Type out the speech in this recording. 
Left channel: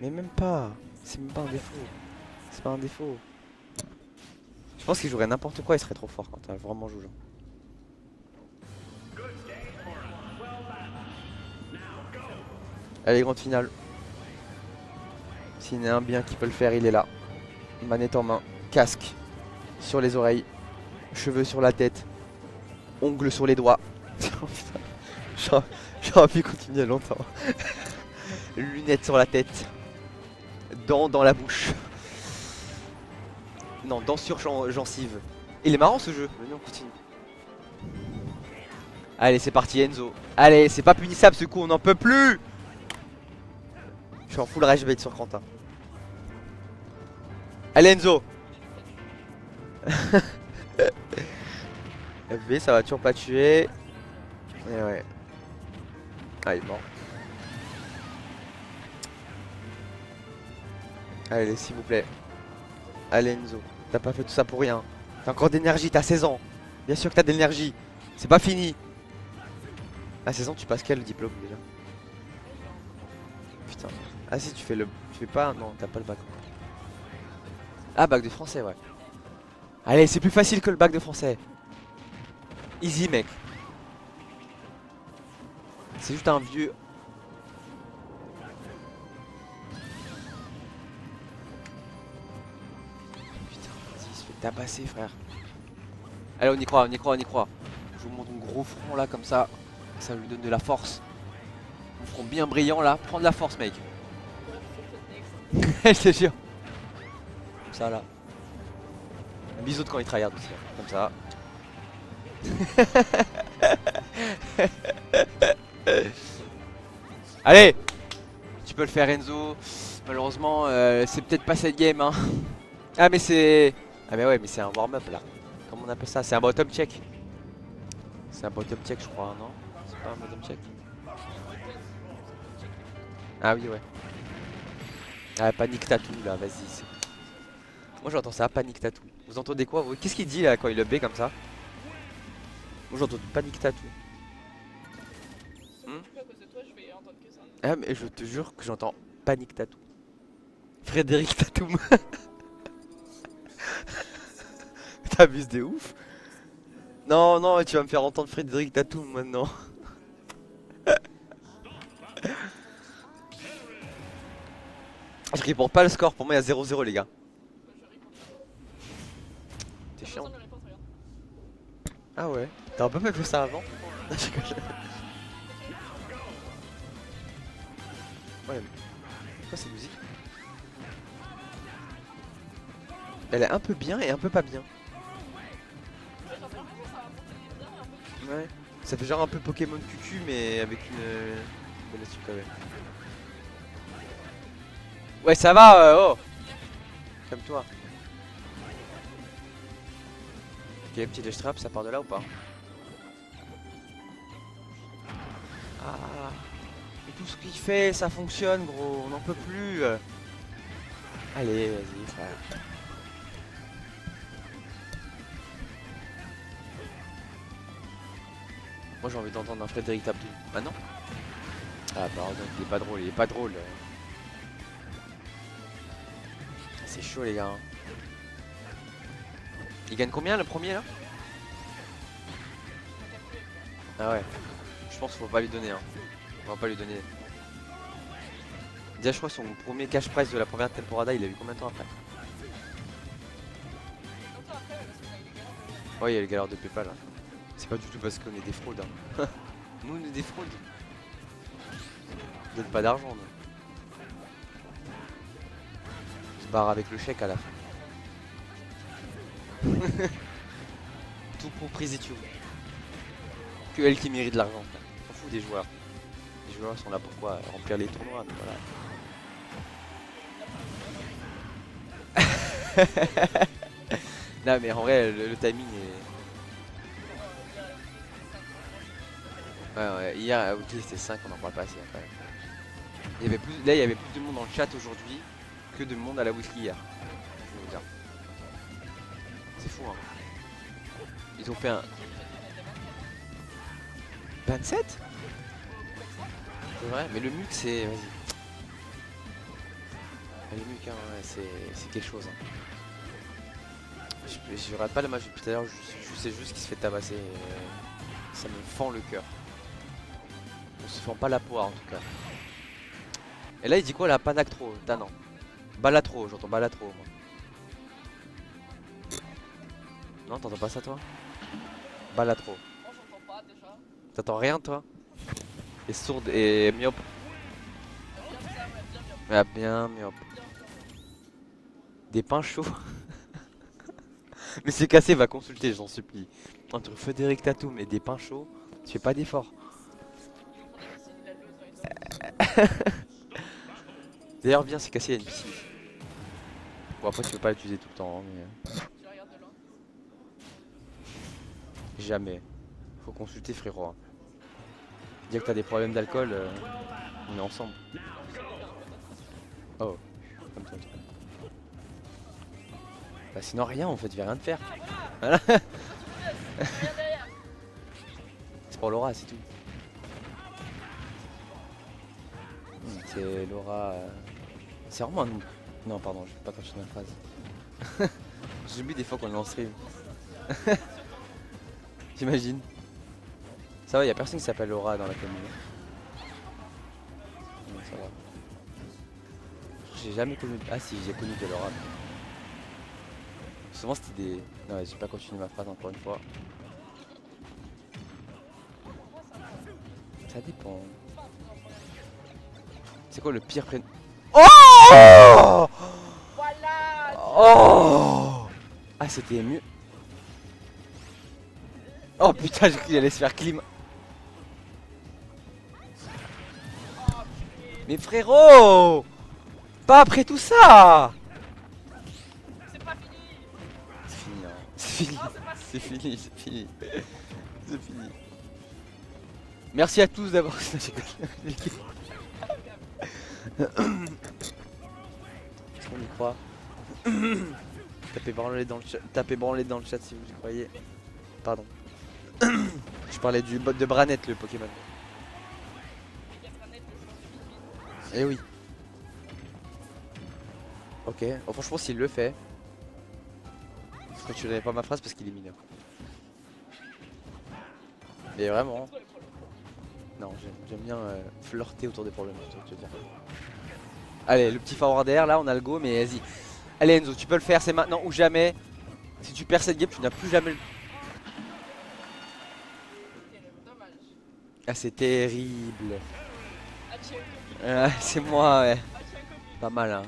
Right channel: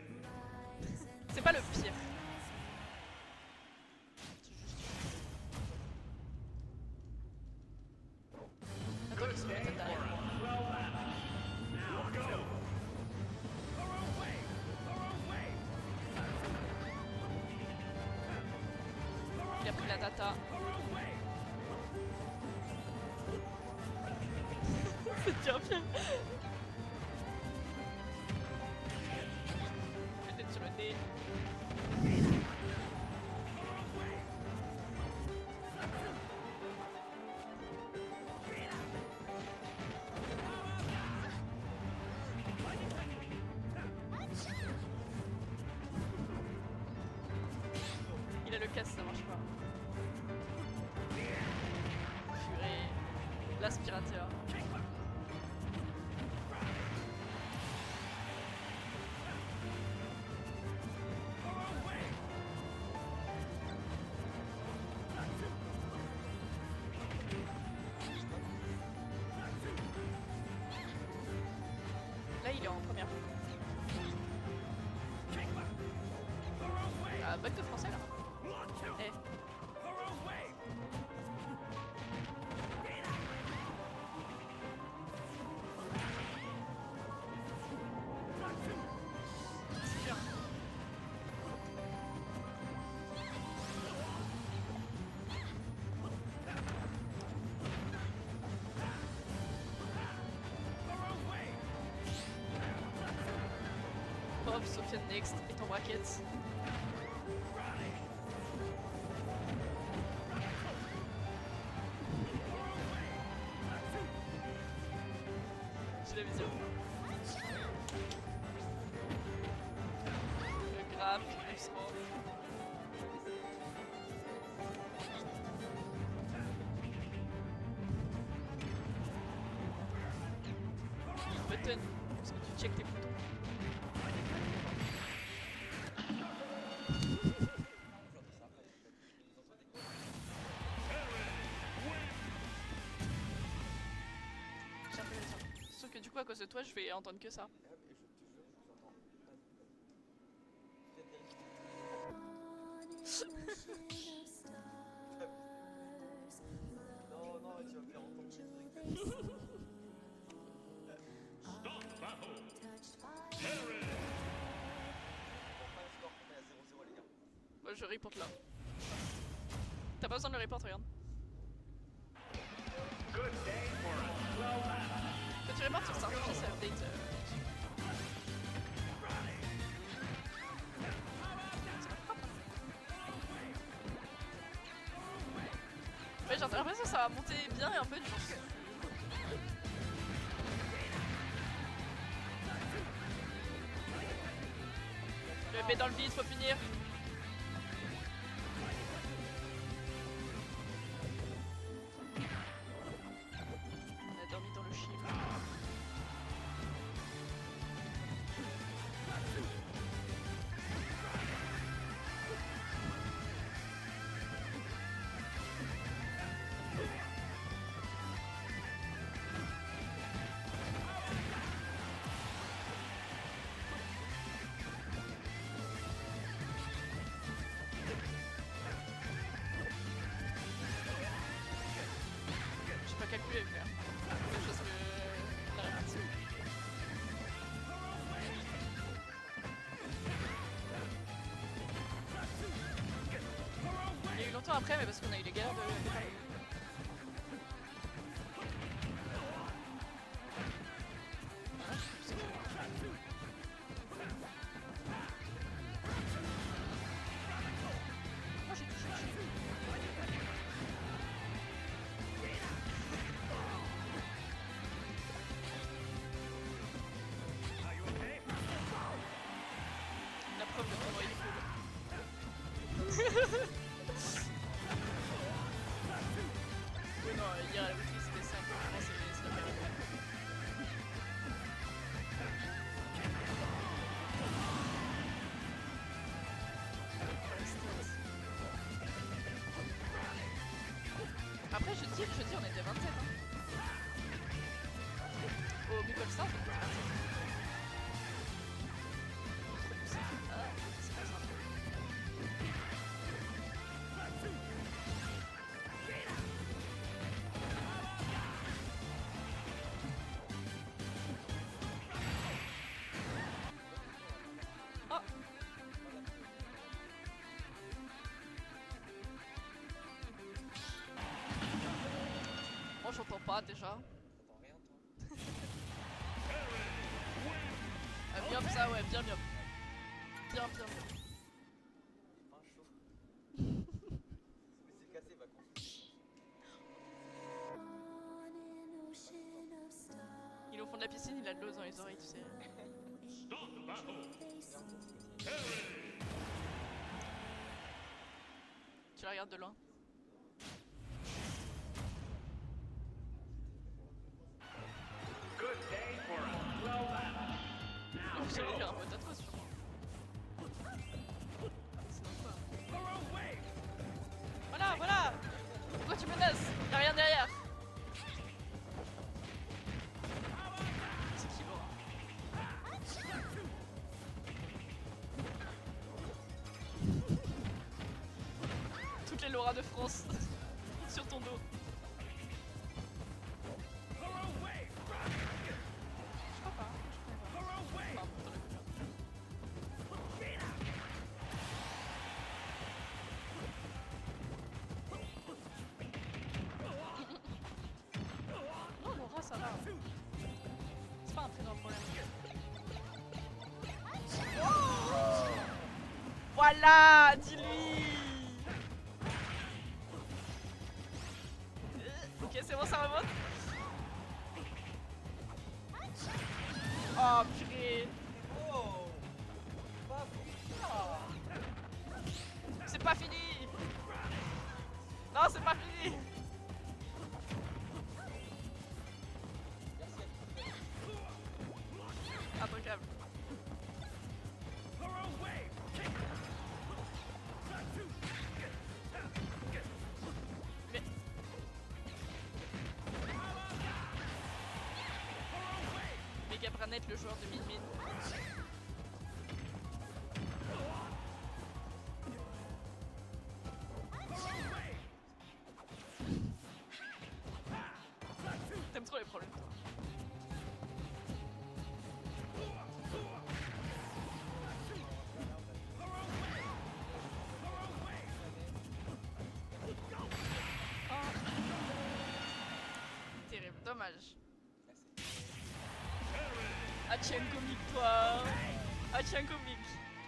Mais même pas. C'est même pas C'est un pas le défaut. souci. C'est pas un défaut. Je pense qu'il jouerait n'importe quoi, il serait trop fort quand t'as vraiment joué. Allez, grande finale. S'il y en a un bien qui peut le faire, il est là. Manette en main, casque sur les oreilles, cheveux sur la tête, ongles sur les doigts. J'aurais pu continuer longtemps. Lunettes sur la tête, dents dans la bouche. Non, dents sur gencive. Il est marrant ce jeu. Mais non, continue. Allez, c'est parti Enzo. Allez, c'est pas punissable ce coup, on n'en peut plus. Je suis en full rage bait sur Quentin. Allez Enzo. Il a le casse, ça marche pas. FB, ça va toujours pas tuer. Aspirateur. Et ouais. Ah, il est mort. Allez, s'il vous plaît. Allez Enzo, t'as pas fait tout ça pour rien. T'as encore d'énergie, t'as 16 ans. Bien sûr que t'as de l'énergie. C'est pas fini. À 16 ans, tu passes quel diplôme déjà? Là, il est en première. Putain. Ah si, tu fais le... Tu fais pas... Non, t'as pas le bac. Bac de français. Ah, bac de français, ouais. Allez, c'est plus facile que le bac de français. Easy, mec. C'est juste un vieux... T'as passé, frère. Allez, on y croit, on y croit, on y croit. Je vous montre mon gros front là, comme ça. Ça lui donne de la force. Front bien brillant là. Prends de la force, mec. Hop, Sofiane Next. Je te jure. Comme ça là. Bisous quand il tryhard aussi. Comme ça. Allez. Tu peux le faire Enzo. Malheureusement c'est peut-être pas cette game hein. Ah mais c'est... Ah mais ouais mais c'est un warm-up là. Comment on appelle ça? C'est un bottom check. C'est un bottom check je crois non? C'est pas un bottom check. Check les photos. Ah oui ouais. Ah panique tattoo là vas-y. Moi j'entends ça, panique tattoo. Vous entendez quoi vous? Qu'est-ce qu'il dit là quand il le B comme ça? Moi j'entends panique tattoo. Sauf que du coup, à cause de toi, je vais entendre que ça. Ah mais je te jure que j'entends panique tattoo. Frédéric Tatoum. T'abuses de ouf. Non non tu vas me faire entendre Frédéric Tatoum maintenant. Je réponds pas le score, pour moi il y a 0-0 les gars. Je reporte là. T'es T'as pas chiant. besoin de le report, regarde. Ah ouais. T'as un peu fait ça avant? Tu reportes sur ça. Ça update. Ouais. Pourquoi c'est musique? Elle est un peu bien et un peu pas bien. Ouais, j'ai l'impression que ça va monter bien et un peu du Ouais. Ça fait genre un peu Pokémon Cucu mais avec une super. Ouais ça va oh. faut finir. Comme toi. Ok petit dash trap ça part de là ou pas? Ah. Mais tout ce qu'il fait ça fonctionne gros, on n'en peut plus. Allez vas-y ça. Moi j'ai envie d'entendre un Frédéric Tatoum. Ah non? Ah pardon, il est pas drôle, il est pas drôle. C'est chaud les gars. Il gagne combien le premier là? J'ai pas calculé avec lui. Ah ouais. Je pense qu'il faut pas lui donner hein. On va pas lui donner. Déjà je crois que son premier cash prize de la première temporada il a eu combien de temps après? Il y a eu longtemps après, mais parce qu'on a eu les galères de... Ouais il y a les galères de Paypal là. C'est pas du tout parce qu'on est des fraudes hein. Nous on est des fraudes. On donne pas d'argent nous. On part avec le chèque à la fin. Tout compris et tout. Que elle qui mérite de l'argent. On s'en fout des joueurs. Les joueurs sont là pour quoi? Remplir les tournois. Mais voilà. Non mais en vrai le timing est... Ouais, hier à Outil c'était 5 on en parle pas assez après. Il y avait plus... Là il y avait plus de monde dans le chat aujourd'hui que de monde à la weekly hier. C'est bizarre. C'est fou hein. Ils ont fait un... 27? C'est vrai, mais le mute c'est... hein, c'est quelque chose. Hein. Je rate pas le match depuis tout à l'heure, je sais juste qu'il se fait tabasser. Ça me fend le cœur. On se fend pas la poire en tout cas. Et là il dit quoi là? Panactro, putain non. Balatro, j'entends Balatro. Moi. Non, t'entends pas ça toi? Balatro. Moi j'entends pas déjà. T'entends rien toi? Et sourde et myope. Bien ça, ouais, bien, bien. Ah, bien myope. Bien, bien. Des pains chauds. Mais c'est cassé, va consulter, j'en supplie. Entre Frédéric Tatoum et des pains chauds, tu fais pas d'effort. Ils nous font des missiles, il a de l'eau dans les oreilles. D'ailleurs, bien, c'est cassé, il y a une piscine. Bon, après, tu peux pas l'utiliser tout le temps, hein, mais Tu la regardes de loin. jamais. Faut consulter, frérot. Hein. Dire que t'as des problèmes d'alcool, on est ensemble. Non, je sais pas faire un peu d'attraction. Oh. Bah, sinon, rien en fait, il y a rien de faire. Ah, Voilà. voilà. Pourquoi tu me laisses? Y'a rien derrière. C'est pour Laura, c'est tout. C'est Laura. C'est vraiment un. Non, pardon, je vais pas continuer la phrase. J'oublie des fois qu'on est en stream. Sur ton dos. T'imagines? Ça va, y'a personne qui s'appelle Laura dans la famille. J'ai jamais connu. Ah si, j'ai connu que Laura. Souvent c'était des. Non, j'ai pas continué ma phrase encore une fois. Pour moi, ça va. Ça dépend. C'est pas un truc normal. C'est quoi le pire prénom? Oh! Voilà. Oh! Ah, c'était mieux. Oh putain, j'ai cru qu'il allait se faire clim. Oh purée. Mais frérot! Pas après tout ça! C'est pas fini. C'est fini. Non, c'est pas C'est fini. fini, c'est fini. C'est fini. Merci à tous d'avoir. Incroyable. On y croit. Tapez branler dans le chat si vous le croyez. Pardon. Je parlais du bot de Branette, le Pokémon. Megatranet, le joueur de Min. Eh oui. Ok, oh, franchement s'il le fait. Je n'avais pas ma phrase parce qu'il est mineur. Et vraiment. T'aimes trop les problèmes. Non, j'aime bien flirter autour des problèmes. Allez, le petit forward air, là on a le go, mais vas-y. Allez Enzo, tu peux le faire, c'est maintenant ou jamais. Si tu perds cette game, tu n'as plus jamais le... Terrible, dommage. Ah c'est terrible. Hachiakomi. C'est moi, ouais. Hachiakomi. Pas mal hein.